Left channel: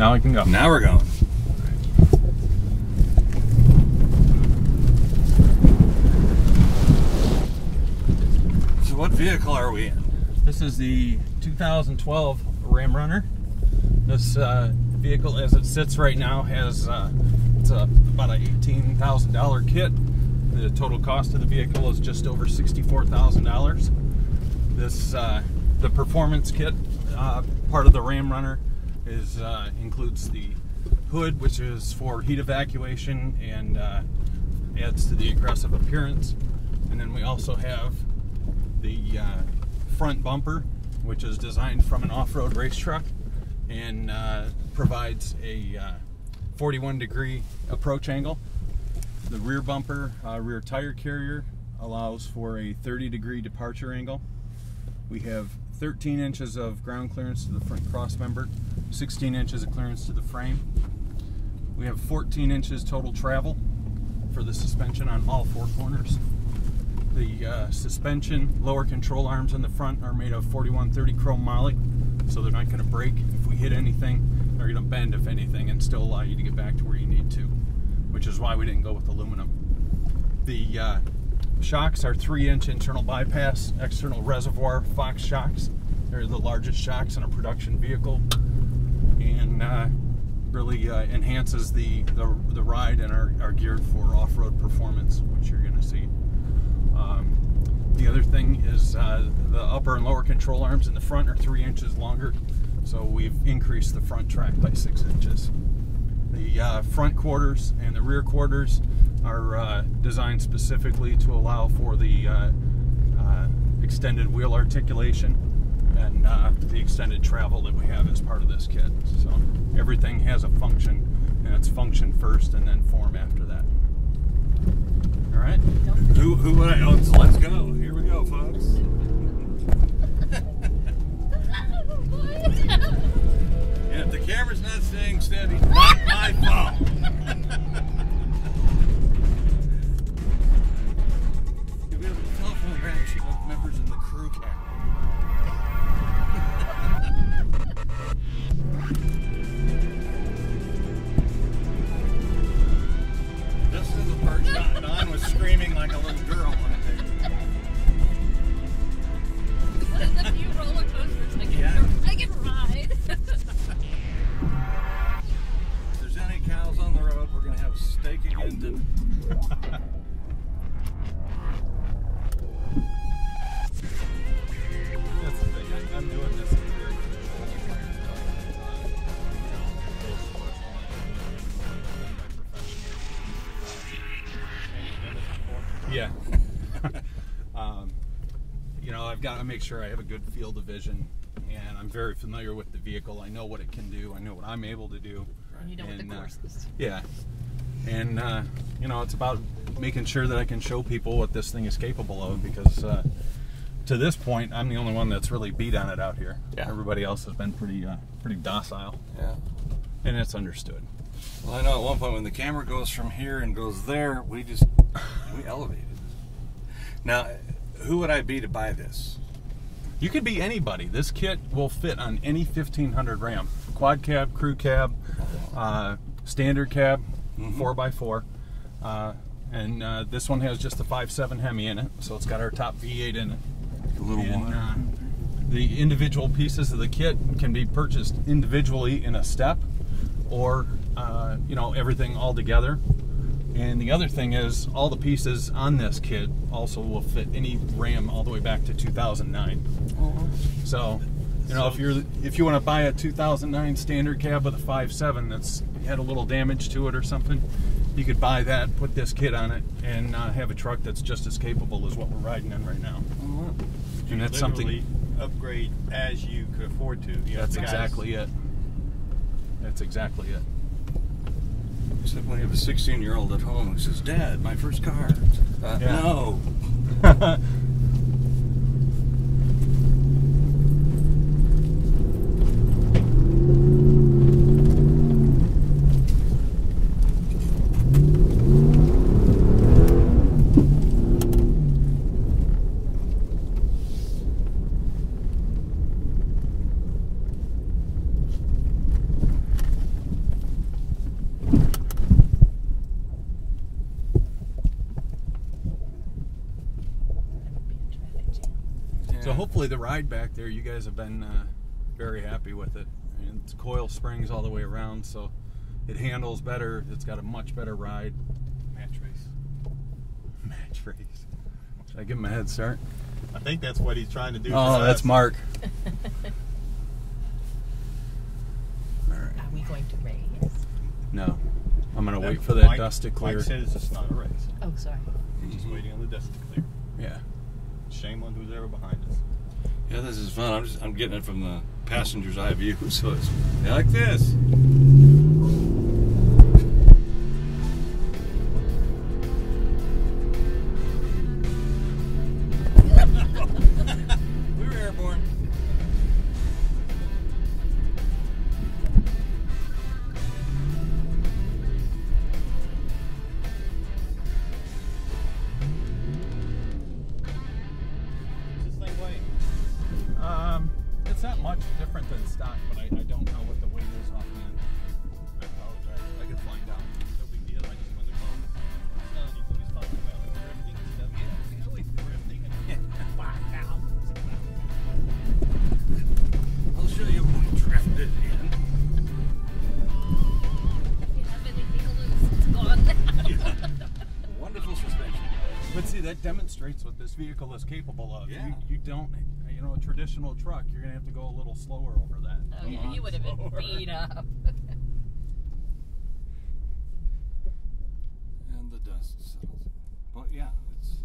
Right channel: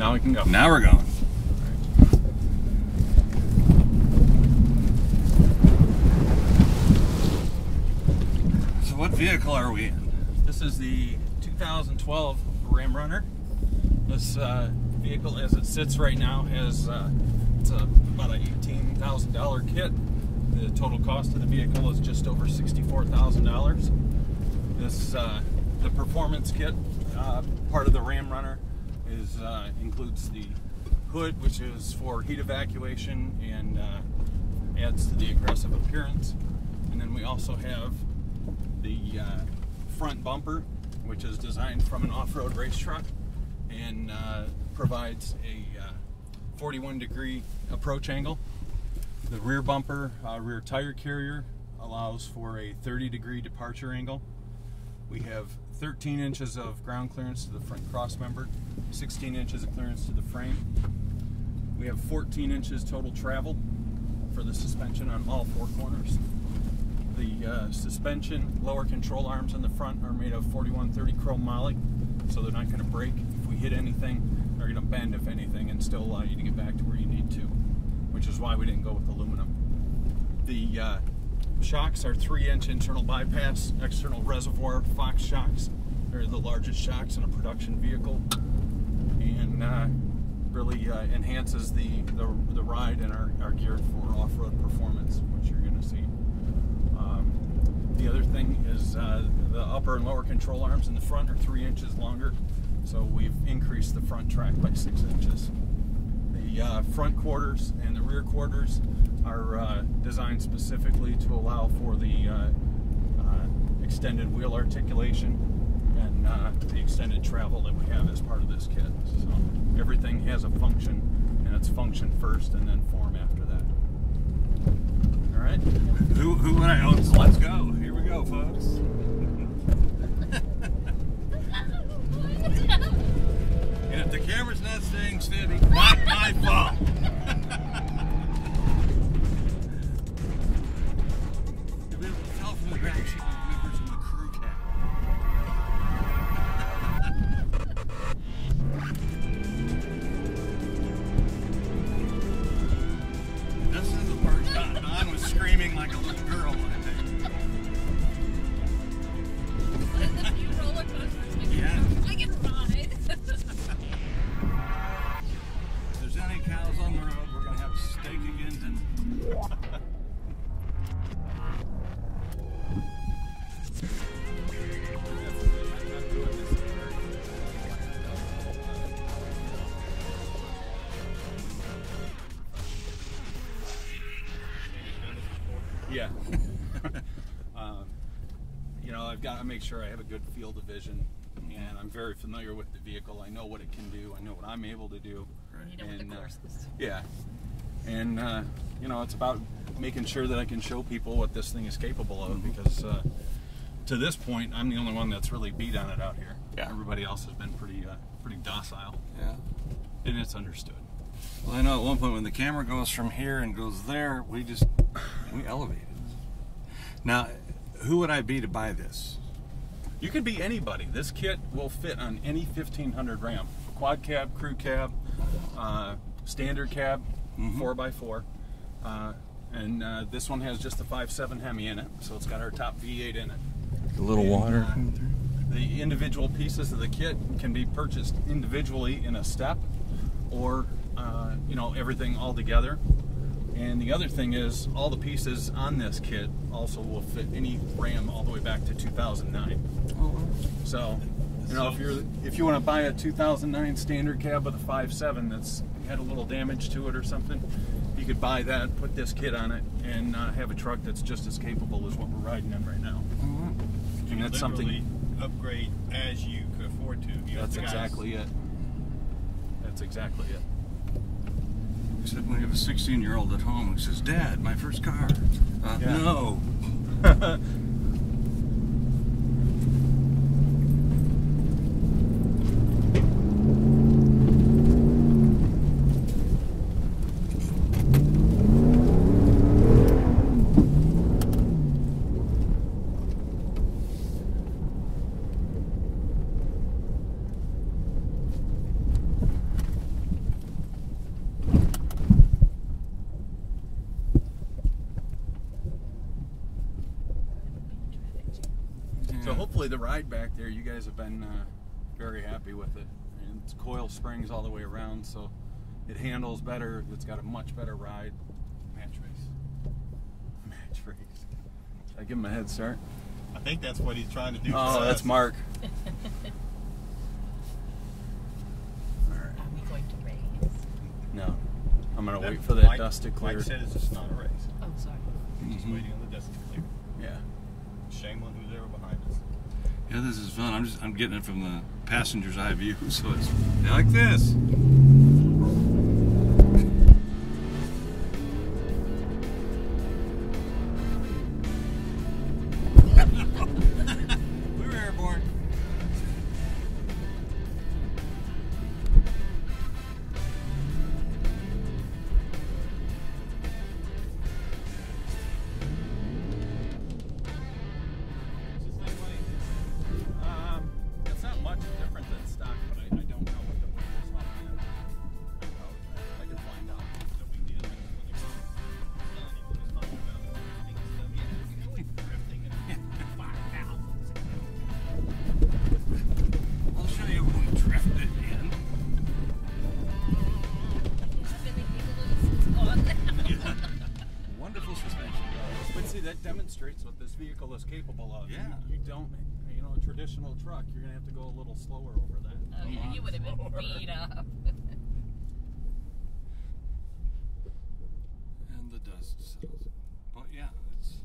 Now we can go. Now we're going. So what vehicle are we in? This is the 2012 Ram Runner. This vehicle, as it sits right now, has it's about an $18,000 kit. The total cost of the vehicle is just over $64,000. This the performance kit part of the Ram Runner is includes the hood, which is for heat evacuation and adds to the aggressive appearance. And then we also have the front bumper, which is designed from an off-road race truck and provides a 41-degree approach angle. The rear bumper, rear tire carrier, allows for a 30-degree departure angle. We have 13 inches of ground clearance to the front cross member, 16 inches of clearance to the frame. We have 14 inches total travel for the suspension on all four corners. The suspension lower control arms on the front are made of 4130 chrome moly, so they're not going to break if we hit anything. They're going to bend if anything and still allow you to get back to where you need to, which is why we didn't go with aluminum. The shocks are 3-inch internal bypass external reservoir Fox shocks. They're the largest shocks in a production vehicle, and really enhances the ride and are geared for off-road performance, which you're going to see. The other thing is the upper and lower control arms in the front are 3 inches longer, so we've increased the front track by 6 inches. The front quarters and the rear quarters are designed specifically to allow for the extended wheel articulation and the extended travel that we have as part of this kit. So everything has a function, and it's function first and then form after that. All right. Who would I? Oh, so let's go. Here we go, folks. And if the camera's not staying steady, not my fault. You'll be able to tell from the reaction of members of the crew cab. This is the part Don was screaming like a little girl, I think. What is a few roller coasters I can ride? If there's any cows on the road, we're going to have steak again dinner. That's the thing. I'm doing this in a very controlled environment. You've done this before? Yeah. You know, I've got to make sure I have a good field of vision, and I'm very familiar with the vehicle. I know what it can do. I know what I'm able to do. You know what the course is. Yeah. And, you know, it's about making sure that I can show people what this thing is capable of, because to this point, I'm the only one that's really beat on it out here. Yeah. Everybody else has been pretty docile. Yeah. And it's understood. Well, I know at one point when the camera goes from here and goes there, we elevated. Now, who would I be to buy this? You can be anybody. This kit will fit on any 1500 Ram. Quad cab, crew cab, standard cab, 4x4. And this one has just a 5.7 Hemi in it, so it's got our top V8 in it. A little water. The individual pieces of the kit can be purchased individually in a step, or you know, everything all together. And the other thing is, all the pieces on this kit also will fit any Ram all the way back to 2009. So, you know, if you want to buy a 2009 standard cab with a 5.7 that's had a little damage to it or something, you could buy that, put this kit on it, and have a truck that's just as capable as what we're riding in right now. And that's something upgrade as you could afford to. That's exactly it. That's exactly it. Except when you have a 16-year-old at home who says, "Dad, my first car." Yeah. No. hopefully the ride back there, you guys have been very happy with it. And it's coil springs all the way around, so it handles better. It's got a much better ride. Match race. Match race. Should I give him a head start? I think that's what he's trying to do. Oh, that's Mark. Are we going to race? No. I'm going to wait for that dust to clear. Mike says it's not a race. Oh, sorry. He's just waiting on the dust to clear. Yeah. Shame on who's ever behind us. Yeah, this is fun. I'm getting it from the passenger's eye view, so it's like this. We were airborne. It's not much different than stock, but I don't know what the weight is offhand. I can find out. No big deal. I just wanted to call Johnny who was talking about drifting and stuff. Yeah, you know we're drifting and 5,000. I'll show you when we drifted in. It's gone now. Wonderful suspension. But see, that demonstrates what this vehicle is capable of. Yeah. You don't, a traditional truck, you're going to have to go a little slower over that. Oh, yeah, you would have been beat up. And the dust settles. But yeah, it's...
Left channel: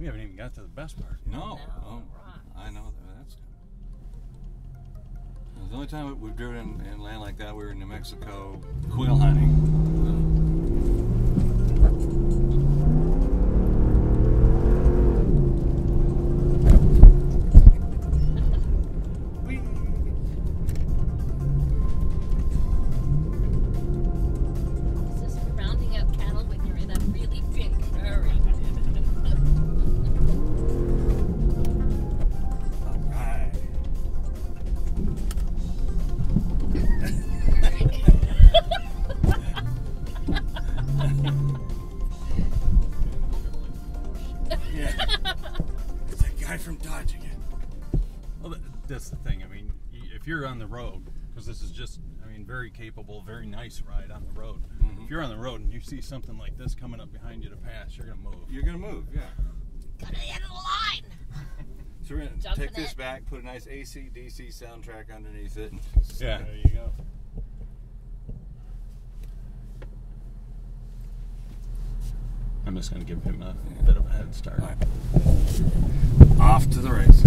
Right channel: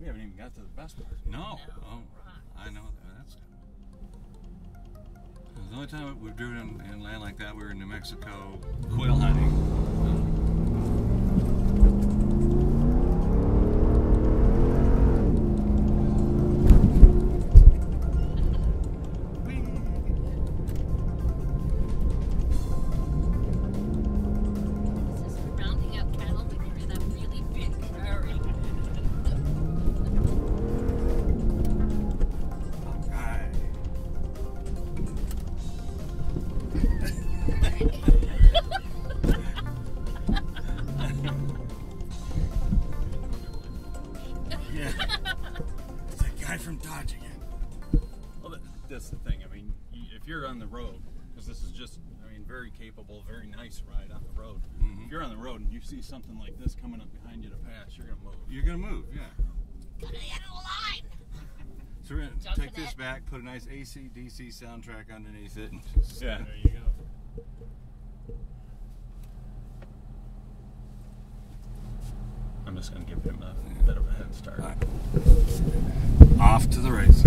We haven't even got to the best part. No. No, Oh, right. I know that's good. The only time we've driven in land like that, we were in New Mexico quail hunting. This is rounding up cattle when you're in a really big hurry. All right. Yeah. It's that guy from Dodge again. Well, that's the thing. I mean, if you're on the road, because this is just, very capable, very nice ride on the road. Mhm. If you're on the road and you see something like this coming up behind you to pass, you're going to move. You're going to move, yeah. Got to end the line. So we're going to Jump take in this it. back, put a nice AC/DC soundtrack underneath it. And Yeah. There you go. I'm just going to give him a bit of a head start. All right. Off to the race.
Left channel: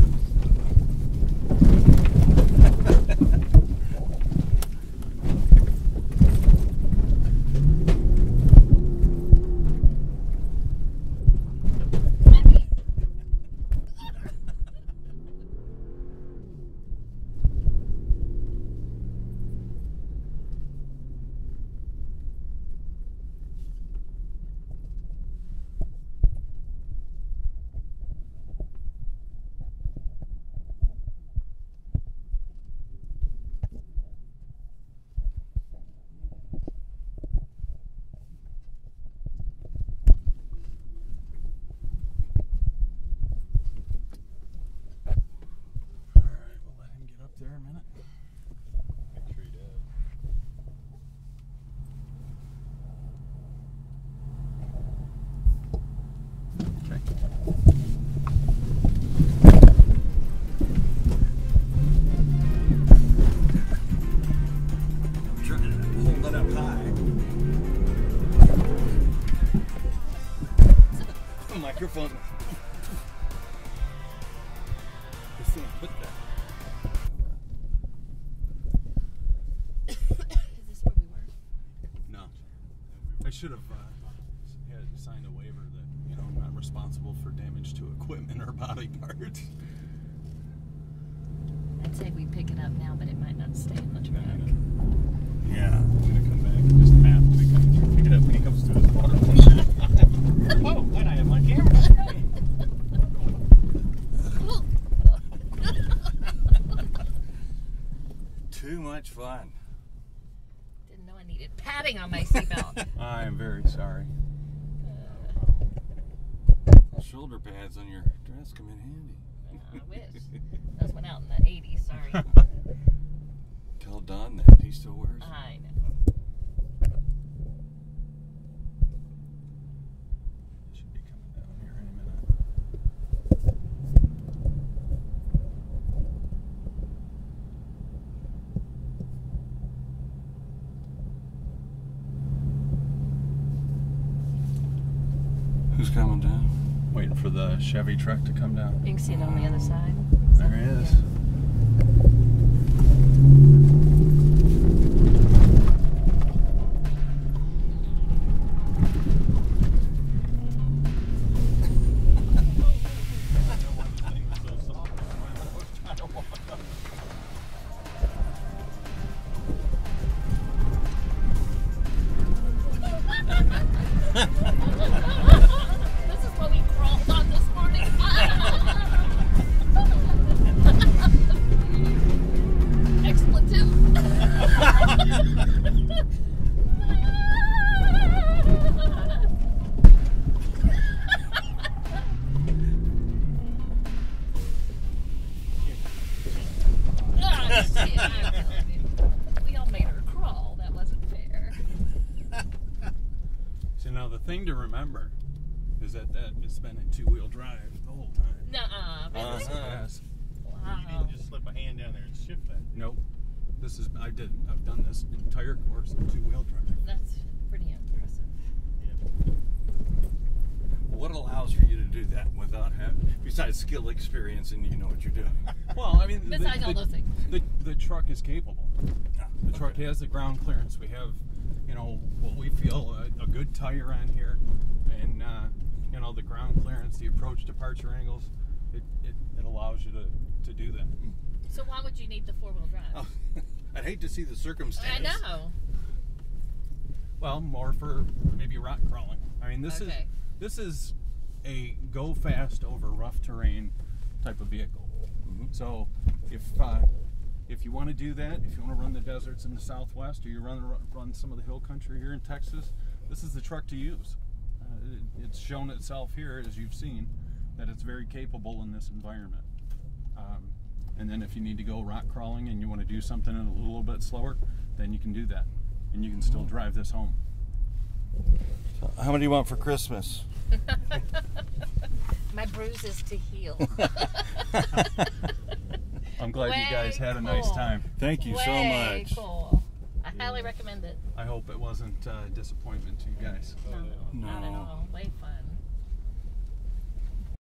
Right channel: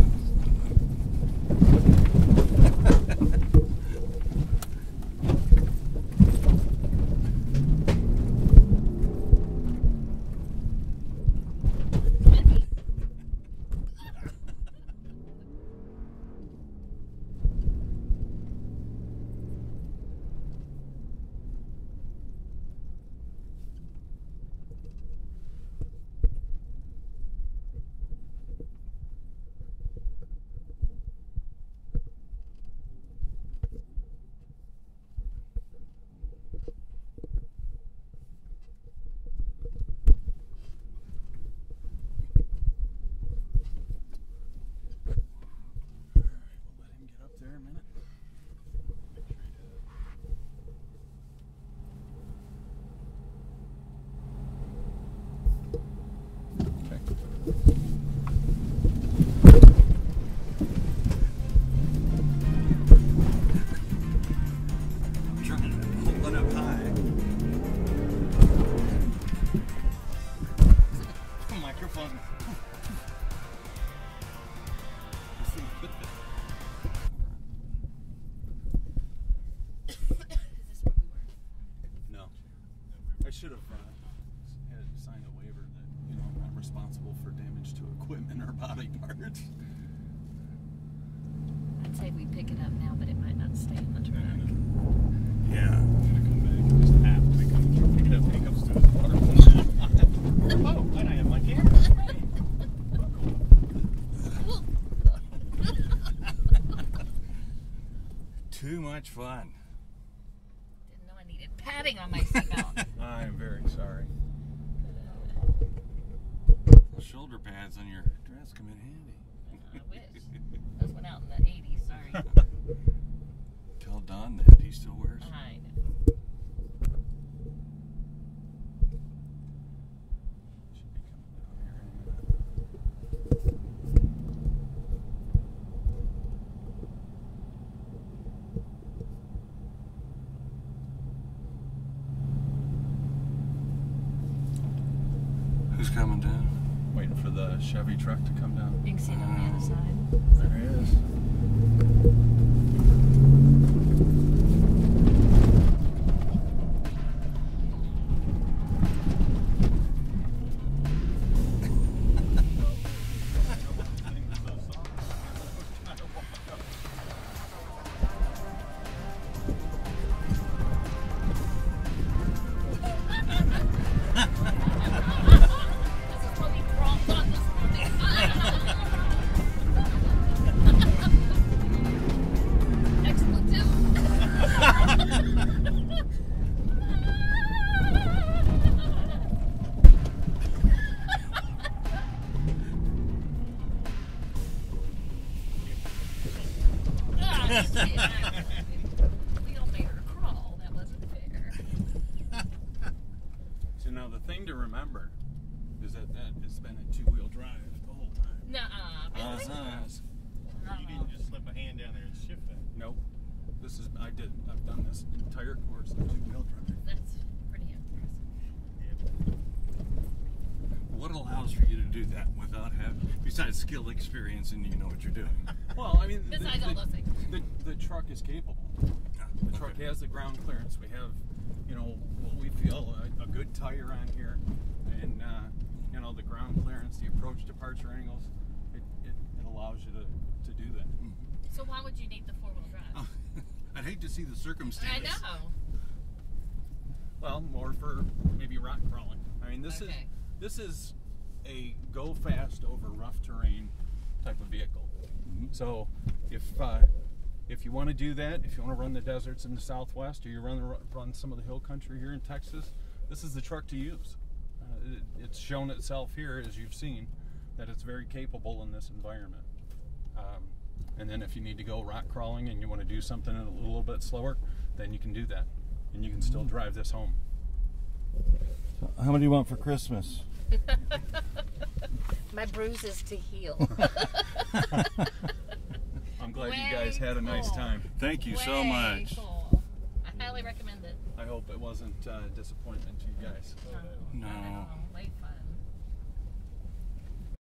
All right, we'll let him get up there a minute. Make sure he does. Okay. Trying to hold it up high. Microphone. This thing put that. Is this where we were? No. I should have had signed a waiver that, I'm not responsible for damage to equipment or body parts. I'd say we pick it up now, but it might not stay in the truck. Yeah. I'm gonna come back and just have to pick it up when he comes to his water. Oh, why'd I have my camera? Too much fun. Didn't know I needed padding on my seatbelt. I'm very sorry. Those shoulder pads on your dress come in handy. I wish. Those went out in the 80s, sorry. Tell Don that. He still wears them. I know. Should be coming down here any minute. Who's coming down? Waiting for the Chevy truck to come down. You can see it on the other side. There he is. This is what we crawled on this morning. Expletive. We all made her crawl. That wasn't fair. So now the thing to remember is that it's been a two-wheel drive the whole time. Nuh-uh. Really? Yes. Wow. You didn't just slip a hand down there and shift that. Nope. I've done this entire course in two-wheel drive. That's pretty impressive. Yeah. What allows for you to do that without having, besides skill, experience, and you know what you're doing? Well, I mean, Besides all those things. the truck is capable. The truck has the ground clearance. We have, what we feel a good tire on here, and the ground clearance, the approach departure angles. It allows you to do that. So why would you need the four-wheel drive? Oh, I'd hate to see the circumstance. I know. Well, more for maybe rock crawling. I mean, this is a go fast over rough terrain type of vehicle. Mhm. So if you want to do that, if you want to run the deserts in the Southwest, or you run some of the hill country here in Texas, this is the truck to use. It's shown itself here, as you've seen, that it's very capable in this environment. And then if you need to go rock crawling and you want to do something a little bit slower, then you can do that, and you can still drive this home. So how many do you want for Christmas? My bruises to heal. I'm glad you guys Way had a nice cool. time. Thank you so Way much. Cool. I highly recommend it. I hope it wasn't a disappointment to you guys. No, No. not at all. Way fun.